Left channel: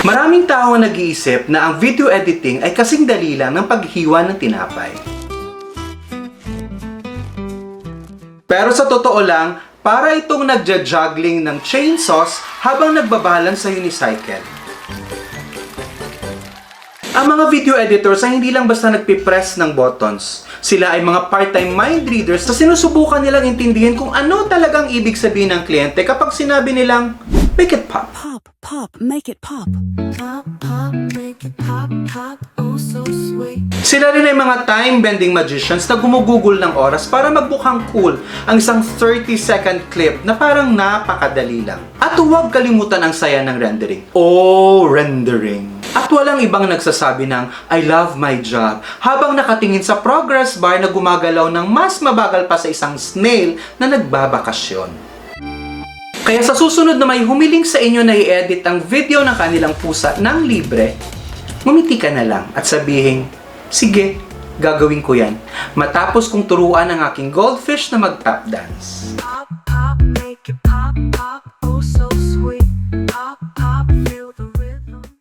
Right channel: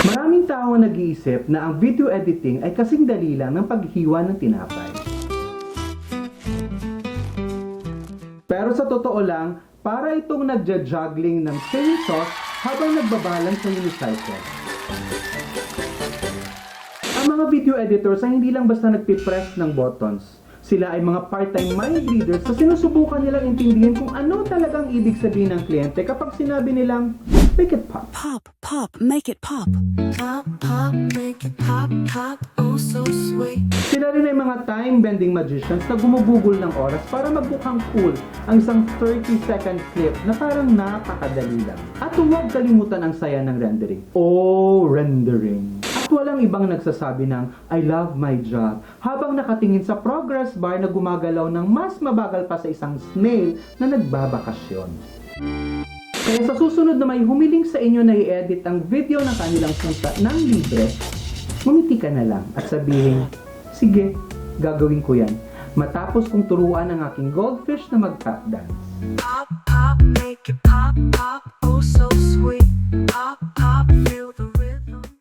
Maraming tao ang nag-iisip na ang video editing ay kasing dali lang ng paghiwa ng tinapay. Pero sa totoo lang, para itong nagja-juggling ng chainsaws habang nagbabalance sa unicycle. Ang mga video editors ay hindi lang basta nagpipress ng buttons. Sila ay mga part-time mind readers na sinusubukan nilang intindihin kung ano talagang ibig sabihin ng kliyente kapag sinabi nilang, make it pop. Pop, pop, make it pop. Pop, pop, make it pop, pop, oh so sweet. Sila rin ay mga time-bending magicians na gumugugol ng oras para magbukhang cool ang isang 30-second clip na parang napakadali lang. At huwag kalimutan ang saya ng rendering. Oh, rendering! At walang ibang nagsasabi ng, I love my job, habang nakatingin sa progress bar na gumagalaw ng mas mabagal pa sa isang snail na nagbabakasyon. Kaya sa susunod na may humiling sa inyo na i-edit ang video ng kanilang pusa ng libre, ngumiti ka na lang at sabihin, sige, gagawin ko yan. Matapos kong turuan ang aking goldfish na mag-tap dance. Pop, pop, make it pop, pop, oh so